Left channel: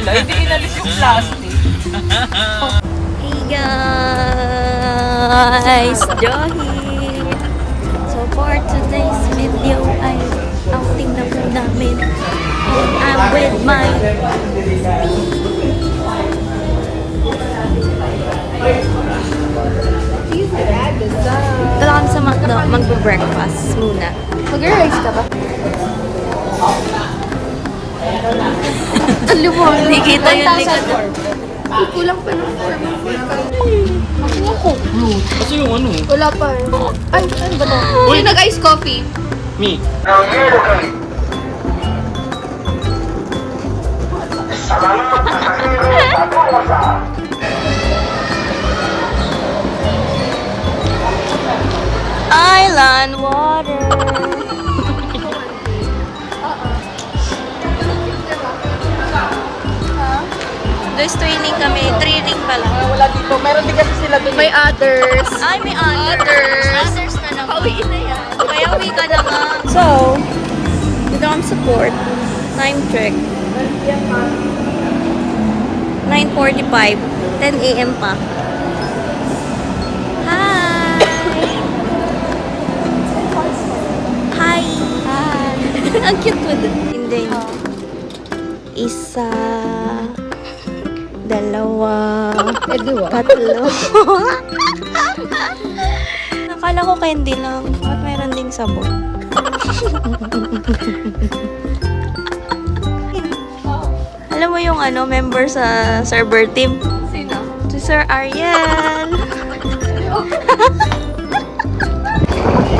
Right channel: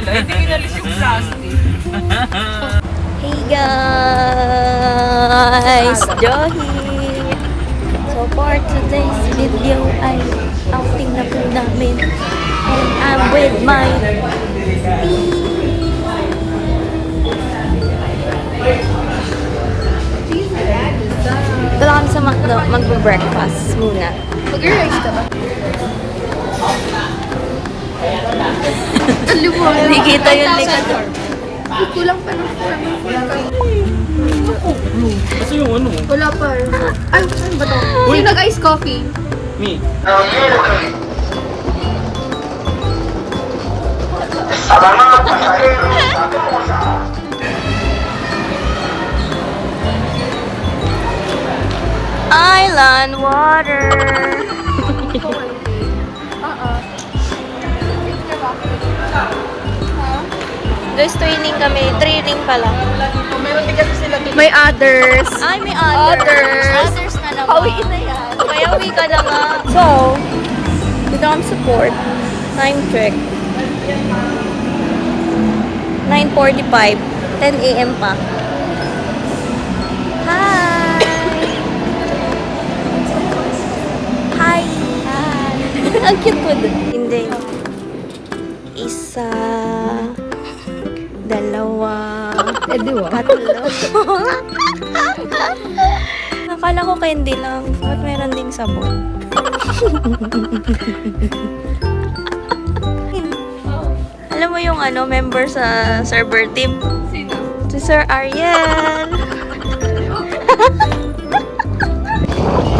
pala. Hindi inalis yung plastic. Hey guys! Johi! So for today's video ay outing na po namin. And I'm with my ito lang kami sa McDo, magbe-breakfast muna. Mag-rice ka ba? Hindi kita yung likod. Kulang pa ng form. Kasi yung ano? Wala pa. Ay, saan ba to? Yung nag-ice coffee. Me. Island water! Guys, training kami. Training pala. Wala dito. Meron din kasi sila dito. May others. Ay, may others. Others na naman. Pauwi na yan. Kaya uwi ka na nga. So, dito kami support. Time check. 9:45. 10 a.m. pa. Hi! Hi! Hi! Ang cute mo dun. Hindi. Isa. Dalawa. Tatlo. Nakala ko candy lang. Bakit meron ding sabon? Alam mo yung ano, member sa server team? Sino? Si Sir Ariel.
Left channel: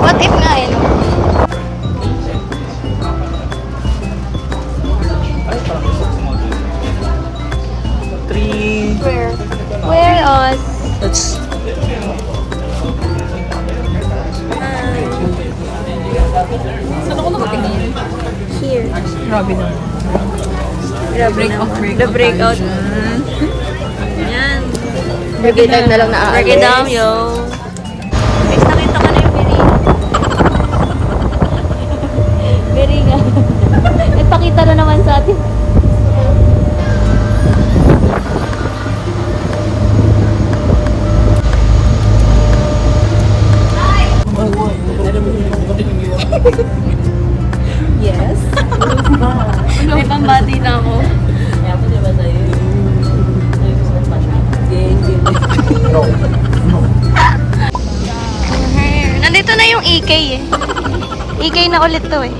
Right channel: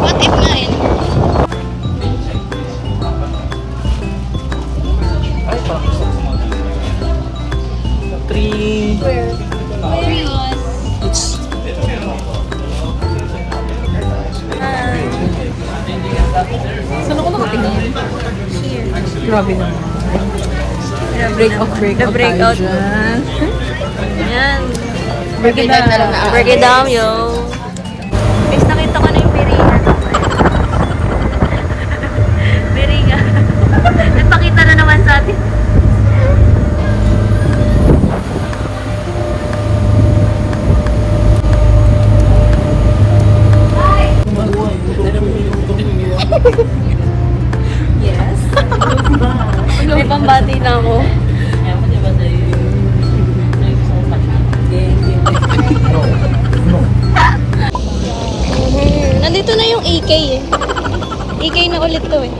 What if 9? Where us? It's... Saan ako nakatingin? Grabe naman. The breakout. Yan. Break it down na lang na. Break it down, yo. Guys, nakita ko na yung Beringa. Beringa. Nagpakita na naman sa atin. Yes. May pambati na ako. Nandito na yung EK eh. EK na ulit to eh.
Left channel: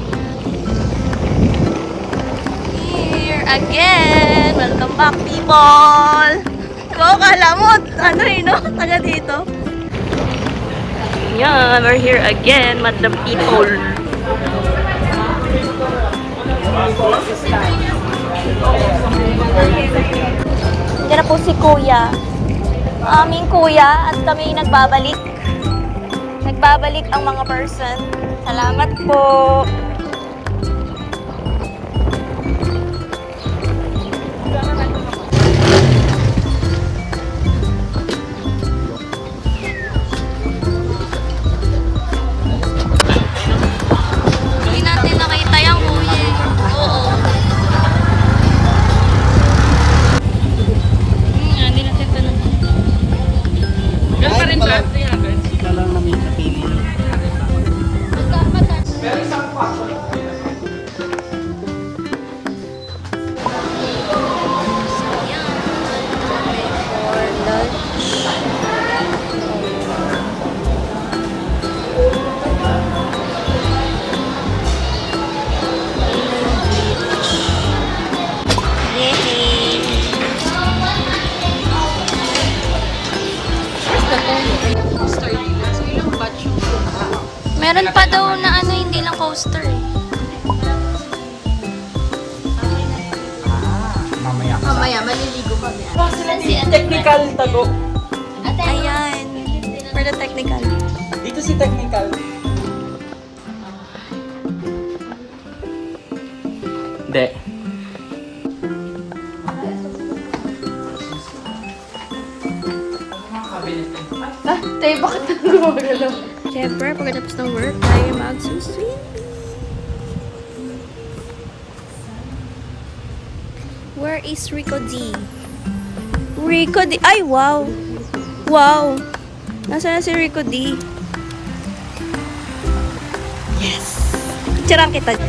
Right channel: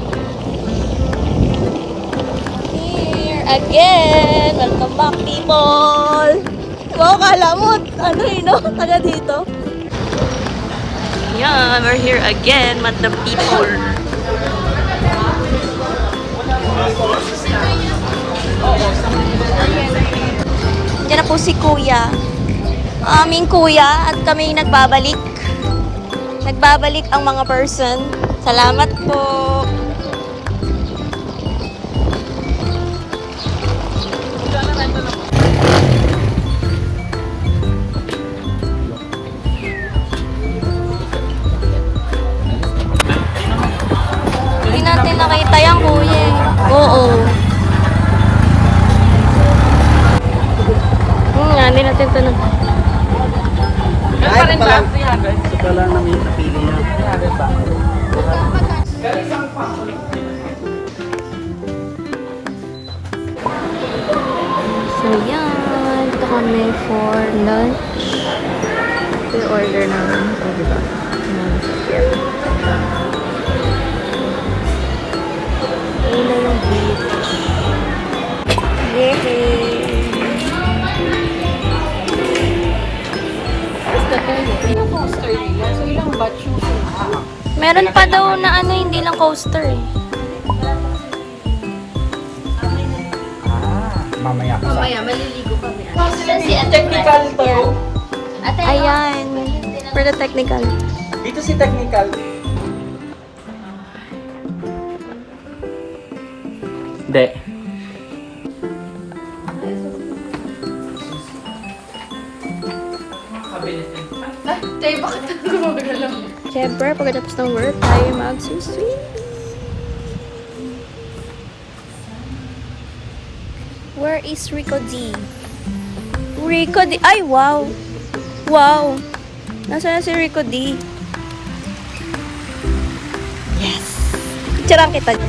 Here again! Welcome back, people! Wow, kala mo, ano eh, no? Taga dito. Yan, we're here again, madam people. Diyan na po si Kuya. Aming Kuya at kami nagbabalik. Nagbabalik ang mga person. Salamat po. Hindi natin nakita yung kuya. Oo. Hindi natin ito na. Ay, ito pala. Ito pala namin napili niya. So, yan. Kami for lunch. I-order namin. Ayun na yung beach. Yay! Where's the toilet? So, ilang batch yung Meron pa daw na ano, hindi lang coaster eh. Mamaya ka. Mamaya, maliligo kami. Si technical to. Ayan. For the technical. Dito si technical. Hindi. Tay, bakit ka gumagalaw? Siyempre, pagkatapos ng work, tayo mag-swim. Where is Rico D? Rico D. Ay, wow. Wow. Nasaan na si Rico D? Yes. Picturean kita.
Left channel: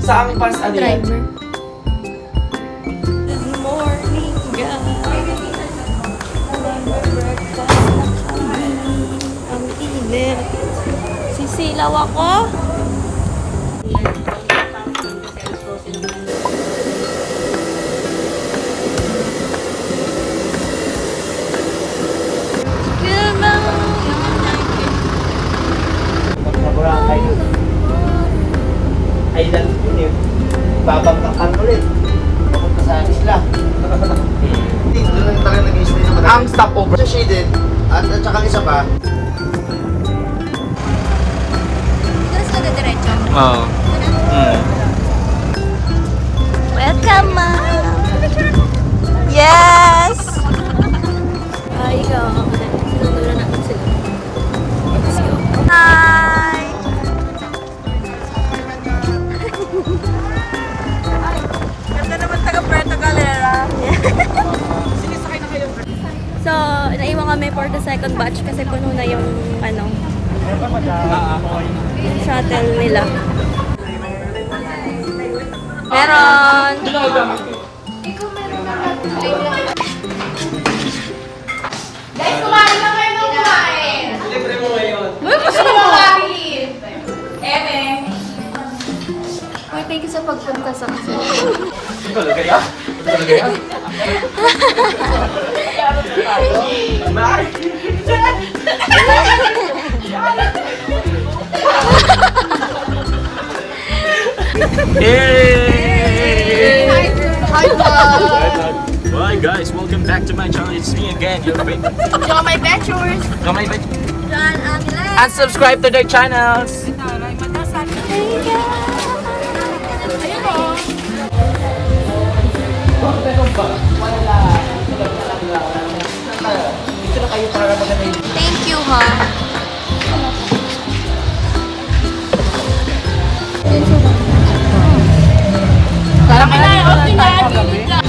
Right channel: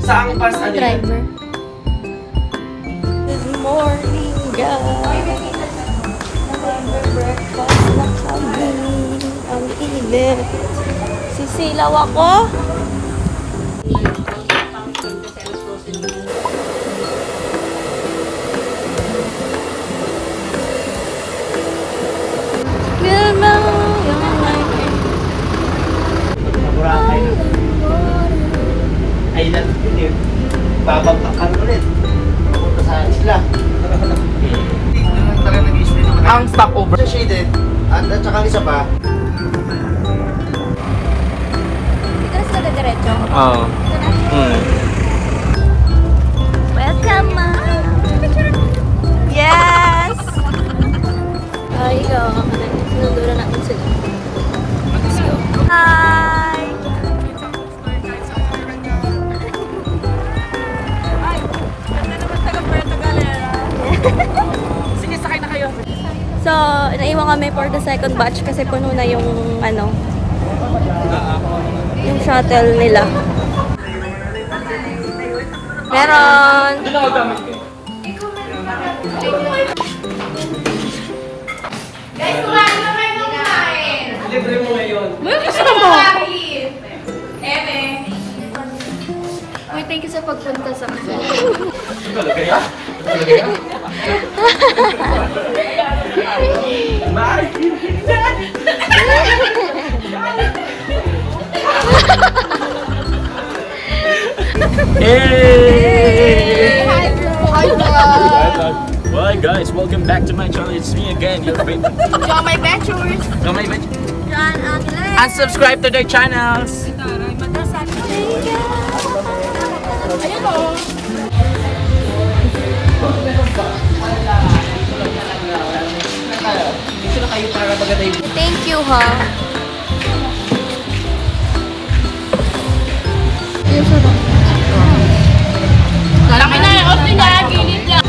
Saan pas ano yan? Driver. Good morning, guys. Breakfast na kami. Ang init. Sisilaw ako. Boracay. Ay, yun eh. Babagtakan ulit. Papunta sa isla. Ang stopover. Shaded. At saka isa pa. Oo. Welcome, ma'am. Yes! Ay, go. Sinundura natin sila. Let's go. Hi! Ganda naman taga Puerto Galera. Sige, sakay na kayo. So, naiwan kami for the second batch kasi puno na yung yung shuttle nila. Meron! Guys, kumain na kayo ng kumain. Libre mo ngayon. Uy, thank you sa pagpunta sa kasi. Malagaya? Malagaya? Hey! Hi guys, welcome back to my channel. It's me again, your favorite. Yo, my ventures. John Angeles! And subscribe to their channels. Thank you, ha? Laki na yung off nila. Gilid lang.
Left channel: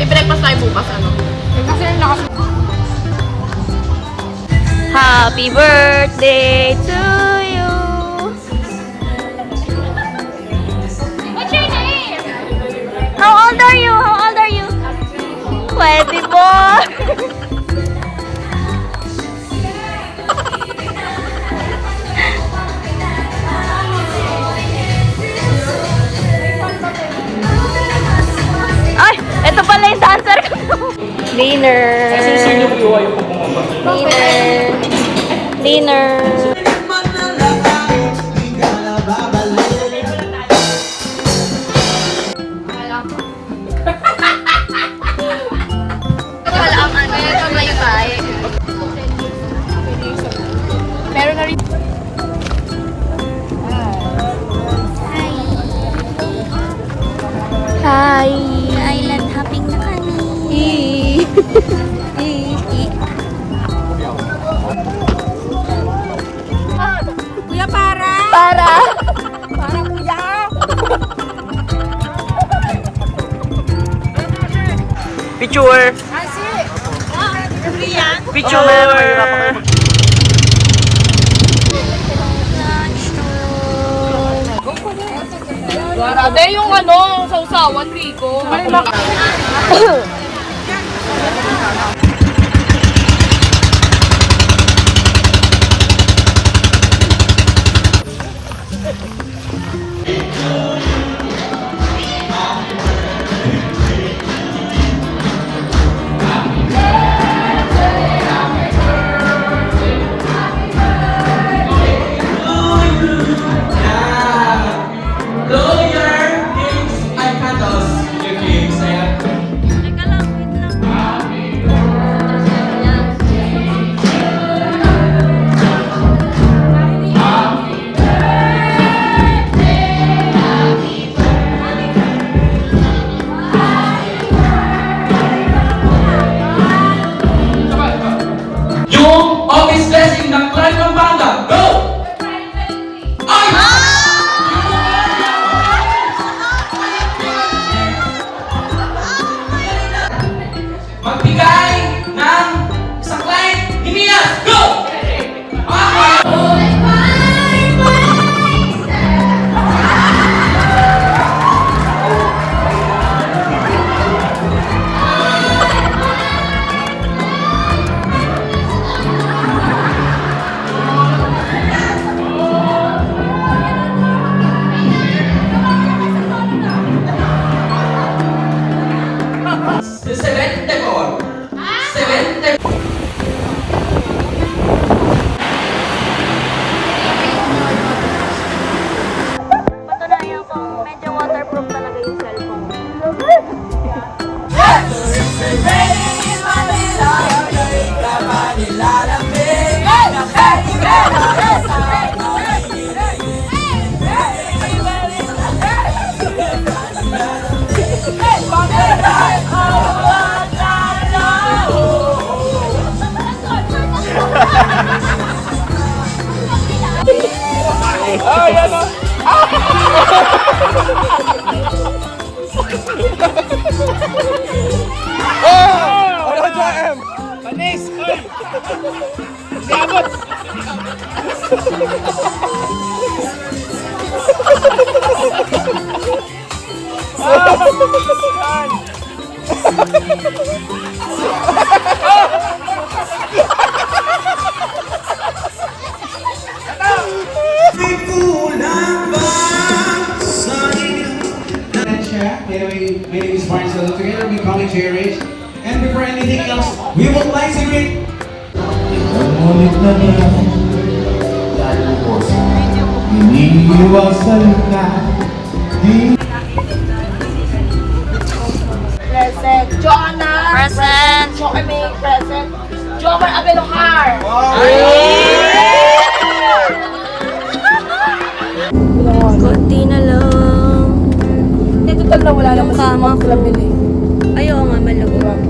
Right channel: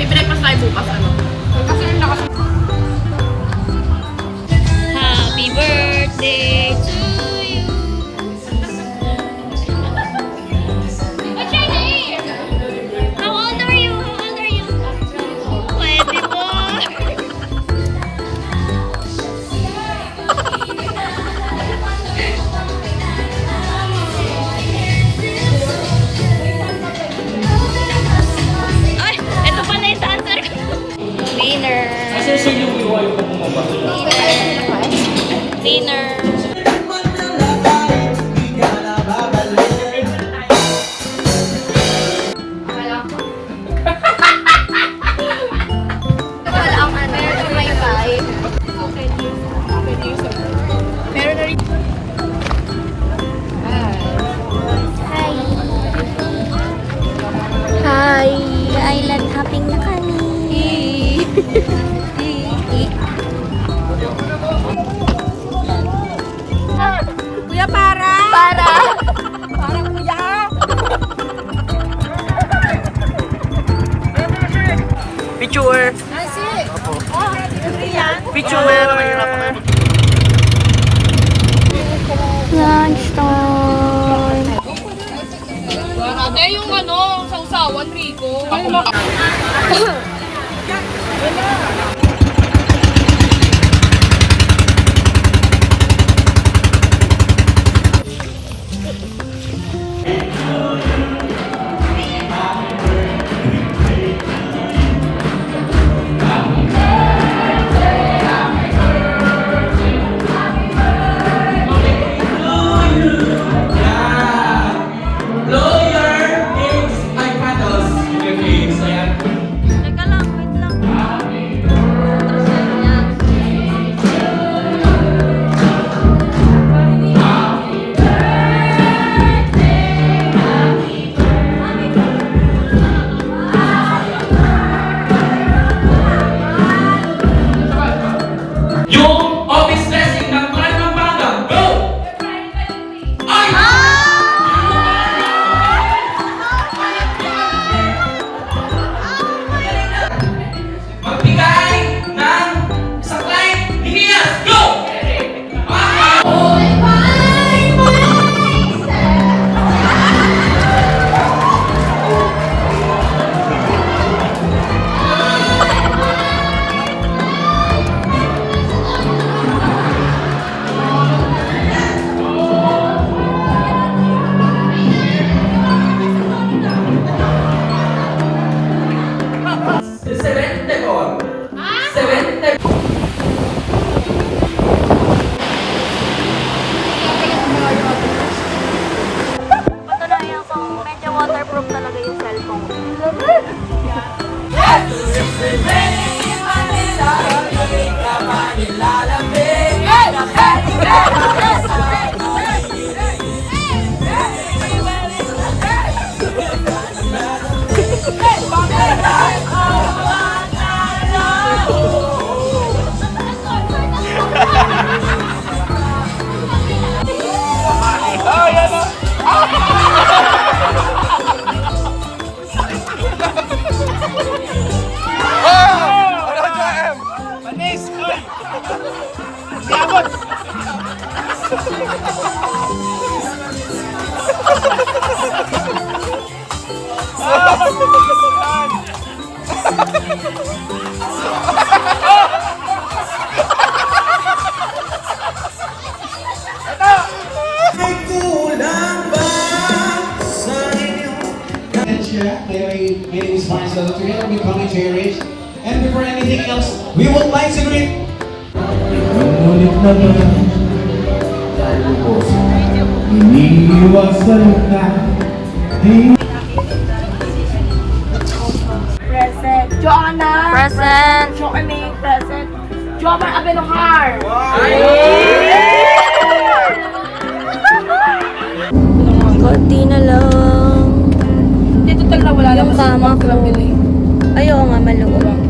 I-breakfast tayo bukas. Ano? Happy birthday to you! What's your name? How old are you? How old are you? 24! Ay! Ito pala yung dancer ko! Dinner! Dinner! Wala ang ano. Ito may bahay. Meron na rin. Hi! Hi! Island hopping na kami! Kuya, para! Para! Para, kuya! Picture! Picture! Grabe yung ano, sausawan, Rico. Patunayan ko, medyo waterproof talaga yung cellphone. My name is Brian Solo. Together we call it JRH. And before anything else, we would like to greet. Ngunit na naman, dahil po iniiwasan na di Present. Joanna. Present. Joanna present. Jomer Abelohar. Konti na lang. Dito talaga wala Yung kama ko. Ayaw nga maluwag.